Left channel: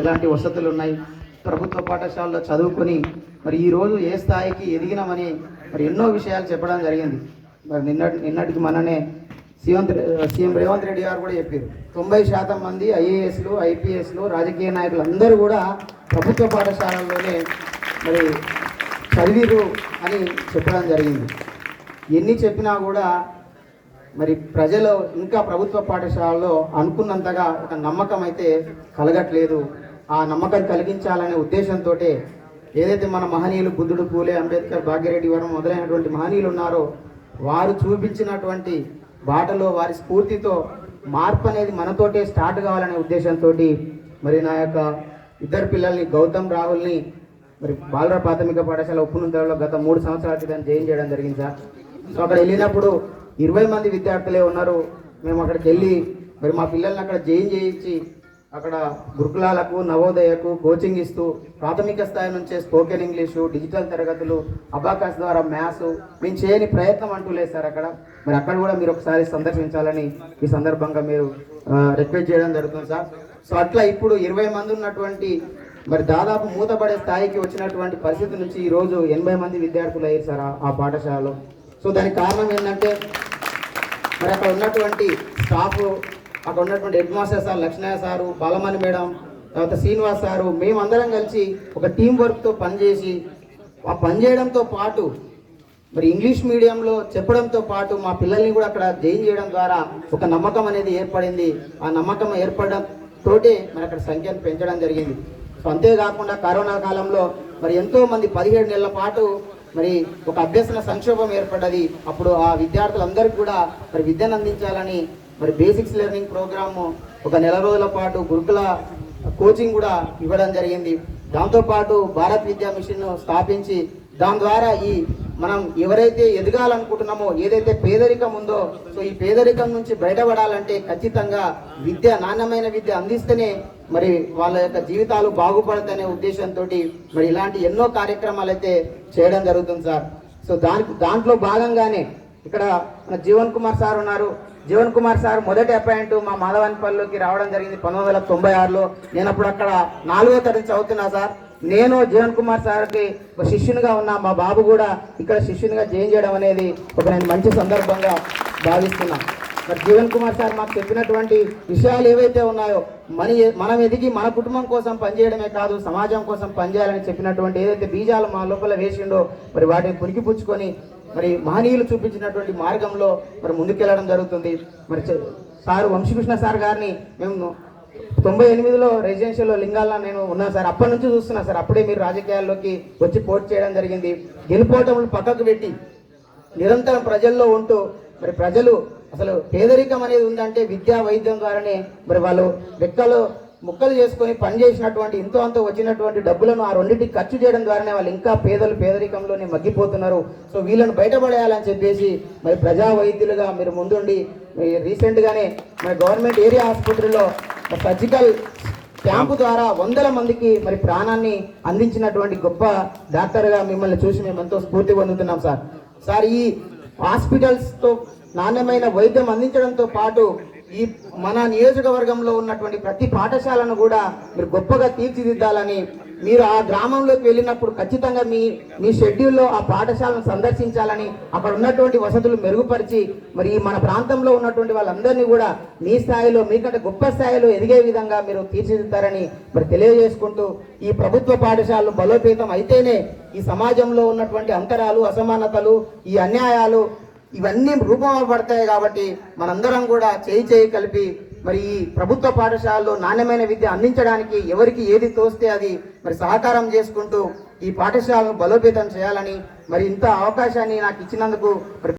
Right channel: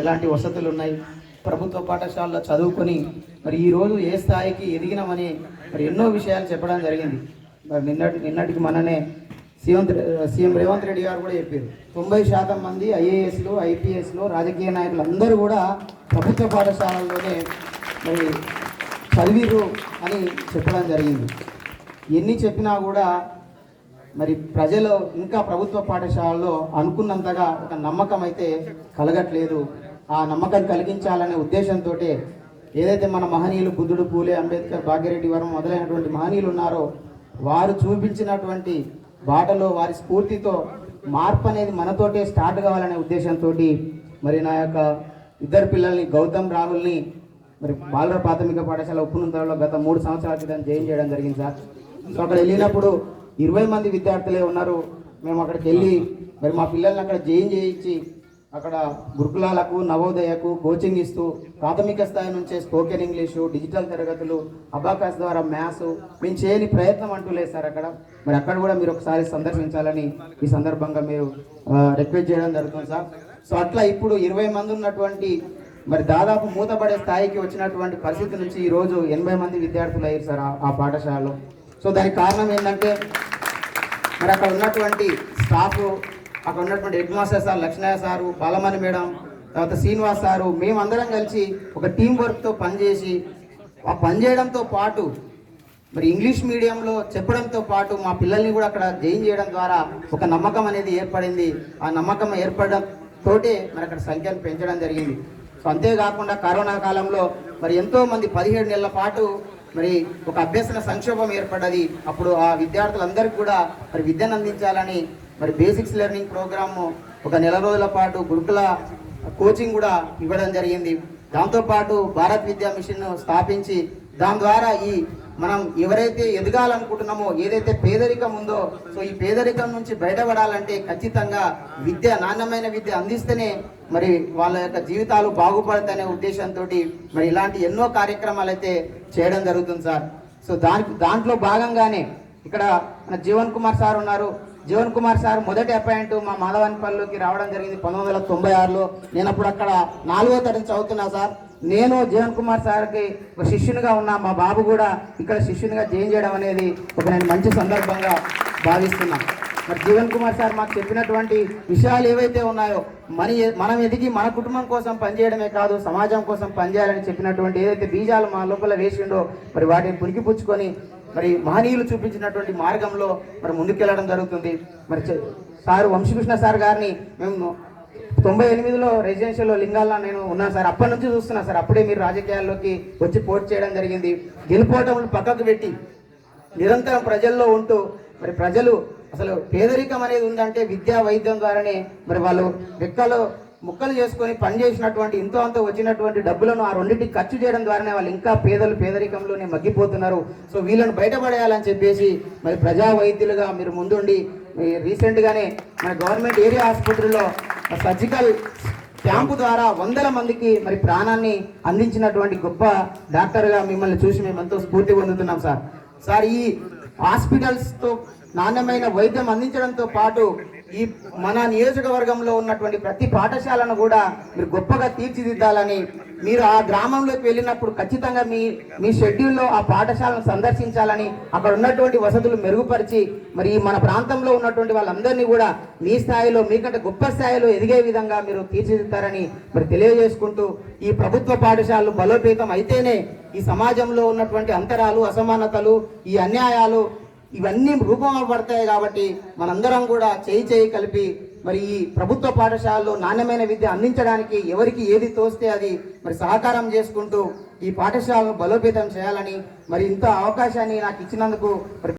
ఎలాంటి వసతులు ఉన్నాయి, ప్రభుత్వ పాఠశాలలో చదువుకుని మరి ఈరోజు ఏ స్థాయికి ఎదిగినామని మరి ఎన్నో విషయాలు చెప్పడం జరిగింది. మరి నిన్నటికి మననే సీఎం రేవంత్ రెడ్డి గారు కూడా చెప్పారు, 90% మంది ఐఏఎస్లు, ఐపీఎస్లు, రాజకీయ నాయకులు అందరూ కూడా ప్రభుత్వ పాఠశాలల్లోనే మరి చదివిరు అని చెప్పడం జరిగింది. ఎన్ని చెప్పినా కూడా మరి ప్రజలు ఇంకా ప్రభుత్వ పాఠశాలలో అనుకున్నంతగా ఒక నమ్మకం అయితే కలగట్లేదు. ఆ నమ్మకం కలిగించాలనే ఉద్దేశంతో ఏదైతే మన మహనీయులు బుద్ధుడు, పూలే, అంబేద్కర్, భాగ్యరెడ్డి వర్మ మొదలైనటువంటి మహనీయులు ఉన్నారో వారు చూపించినటువంటి బాటలో వారి స్ఫూర్తితో మార్పు అనేది మనతోటే స్టార్ట్ కావాలనే ఉద్దేశంతో మరి నా యొక్క ఇద్దరు పిల్లల్ని గౌతమ్, రాహుల్ని మరి బాలుర ప్రాథమిక పాఠశాల ఉప్పునుంతలో గత 3 సంవత్సరాల క్రితం జాయిన్ చేయడం జరిగింది సార్. సో అక్కడ వెళ్ళినప్పుడు 20 మంది విద్యార్థులే ఉన్నారు. మేము అక్కడికి వెళ్ళి మరి మా పిల్లల్ని అక్కడ జాయిన్ చేయించి అక్కడ గురుకులాలకు, నవోదయకు కోచింగ్ ఇస్తూ ప్రాథమిక స్థాయి నుంచే స్పోకెన్ ఇంగ్లీషు, డిజిటల్ తరగతులు, అబాకస్ ద్వారా మ్యాథ్స్ మేము చేయని ప్రయత్నం అంటూ లేదు సార్. మరి అక్కడ కూడా మీరు ఒకసారి సందర్శించాలని ఈ సందర్భంగా మీరు రిక్వెస్ట్ చేయడం జరుగుతుంది సార్. సో అట్లా ఇప్పుడు 20 మంది ఉన్నటువంటి మరి దాదాపు మూతపడే స్థాయికి వచ్చినటువంటి పరిస్థితి నుంచి ఈరోజు 80 మంది విద్యార్థులు అయ్యారు సార్ ఆ పాఠశాలలో. సో దానికి కారణం ఏంటంటే మరి అక్కడ ఉన్నటువంటి స్టాఫ్, అక్కడ ఉన్నటువంటి headmaster sir Lakshmayya sir, Balamani madam, తర్వాత శ్రీనివాస్ సారు, మేమందరం కలిసి ఒక టీం వర్క్తో పనిచేసి ఆ పనిచేయడంతో పాటు మరి ఇంగ్లీష్ మీడియంలో చెప్పడంతో పాటు మా పిల్లల్ని కూడా అక్కడ జాయిన్ చేయడం ద్వారా ఒక నమ్మకం అనేది ఏర్పడింది. ఆ నమ్మకం ఏర్పడడం తోటే మరి అక్కడ సంఖ్యను పెంచడం జరిగింది. సో అంతేకాకుండా కరోనా కాలంలో మరి ఎంతో మంది 17 నెలల పాటు మరి ఒక అభ్యసన సంక్షోభం ఏర్పడ్డది. అప్పుడు ఆ విద్యార్థులందరికీ కూడా మరి విద్యను అందించాలని మరి బేసిక్స్ లెర్నింగ్ ప్రోగ్రాము ఒక 4 రోజుల పాటు గురుకుల కోచింగ్ కూడా ఇవ్వడం జరిగింది. దాంతోపాటు భారత్ విద్యా మిషన్ స్థాపించి దాని ద్వారా ఈ మనం ఎవరైతే ఎదగాలనుకుంటున్నామో, ఏదైతే పేదరికం ఉందో, సో ఈ పేదరికం నుంచి బయటపడాలంటే ఖచ్చితంగా విద్య, నాణ్యమైన విద్య అందిస్తేనే మరి వాళ్ళ యొక్క జీవితాలు బాగుపడతాయనే ఉద్దేశంతో మరి ఇలాంటి ఎన్నో కార్యక్రమాలు అయితే చేయడం జరుగుతుంది సార్. సో దాంట్లో భాగంగానే ఇక్కడ జీవన్ కుమార్ సార్ ఉన్నారు. జీవన్ కుమార్ సార్ మొదటి అపాయింట్ మా మాధవానిపల్లిలోకి రావడం జరిగింది 1996లో. నేను అప్పుడు అక్కడ 4వ తరగతి చదువుతున్నా సార్. నేను జీవన్ కుమార్ సార్కి శిష్యునిగా ఉన్నా, మా బాబు కూడా ఇక్కడ శిష్యునిగా జాయిన్ చేయడం అనేది ఒక నేను మంచి సందర్భంగా భావిస్తున్నా. మరి జీవన్ కుమార్ సార్ మాకు చెప్పినటువంటి విషయాలు ఏవైతే ఉన్నాయో మనం ఎదిగి మన కుటుంబం కోసం పనిచేయడమే కాదు, సమాజం కోసం పనిచేయాలని చెప్పినటువంటి ఏదైతే బీజాలు మా లోపల వేసిండో మరి వాటిని పురికిపుచ్చుకొని మరి మహనీయులు చూపించినటువంటి మార్గంలో మరి ముందుకెళ్ళడం జరుగుతుంది. మరి సార్ వంశీకృష్ణ సార్ గారిని మేము 98లో రెసిడెన్షియల్లో లింగాల్లో నేను ఉన్నాను సార్. అప్పటి నుంచి చూస్తున్నా సార్. అప్పుడే మీరు రాజకీయాల్లోకి వచ్చి పోటీ చేయడం జరిగింది. గెలుపోవటం పక్కకు పెట్టి నిరంతరం ప్రజల్లో ఉంటూ మరి ప్రజలు అసలు పేదరికం అనేది ఉందంటే విద్యా వైద్యం ద్వారానే మరి వాళ్ళు ముక్కలు చేసుకొని పనిచేసినటువంటి ఇంతో అంతో వచ్చినటువంటి డబ్బులను ఆ రెండింటికి ఖర్చు చేయడం ద్వారానే వాళ్ళు ఇంకా పేదరికంలోనే మగ్గిపోతున్నారు. సో వీళ్ళను బయటపడేయాలని చెప్పేసి మరి ప్రజా వైద్యులుగా మీరు ముందుండి రీసెంట్గానే మన గవర్నమెంట్ ఏరియా ఆసుపత్రిలో సర్జికల్ క్యాంపు ద్వారా 100 మందికి మరి ప్రాణాన్ని అందించినటువంటి గొప్ప డాక్టర్గా మిమ్మల్ని చూసి మేము ఎంతో స్ఫూర్తి పొందుతున్నాం సార్. సార్ ఈ హాస్పిటల్స్తో నాణ్యమైన వైద్యం అందించడంతో పాటు ఈ మన నియోజకవర్గంలో ఉన్నటువంటి ప్రతి పాఠశాలను కూడా మీరు గొప్పగా తీర్చిదిద్దాలని, మీరు ఆ గ్రామంలోకి వెళ్ళినప్పుడు ఖచ్చితంగా మీ షెడ్యూల్లో ఆ పాఠశాలను సందర్శించాలని, అక్కడ ఉన్నటువంటి వసతులు మెరుగుపరిచి మరి మన ప్రాంతంలో ఉన్నటువంటి వాళ్ళందరినీ కూడా మీ స్థాయిలో, మీకంటే గొప్ప స్థాయిలో ఎదిగే విధంగా మీరు తీర్చిదిద్దారని మరి తెలియజేసుకుంటూ, ఈ ప్రభుత్వ పాఠశాలలు బలోపేతం అయితేనే ఈ సమాజంలో ఉన్నటువంటి అంతరాలు, అసమానతలు, ఈ అన్యాయాలు ఇవన్నీ రూపపడతాయి. కాబట్టి మనందరం కూడా చేయి కలిపి మరి ఈ ప్రభుత్వ పాఠశాలలో నాణ్యమైన విద్య అందించడానికి ఎవరికి ఏది తోస్తే అది మరి సహకారం చేసుకుంటూ ఈ పాఠశాలను బలోపేతం చేయాలని మరి ఇంత అవకాశాన్ని నాకు ఇచ్చినందుకు మరి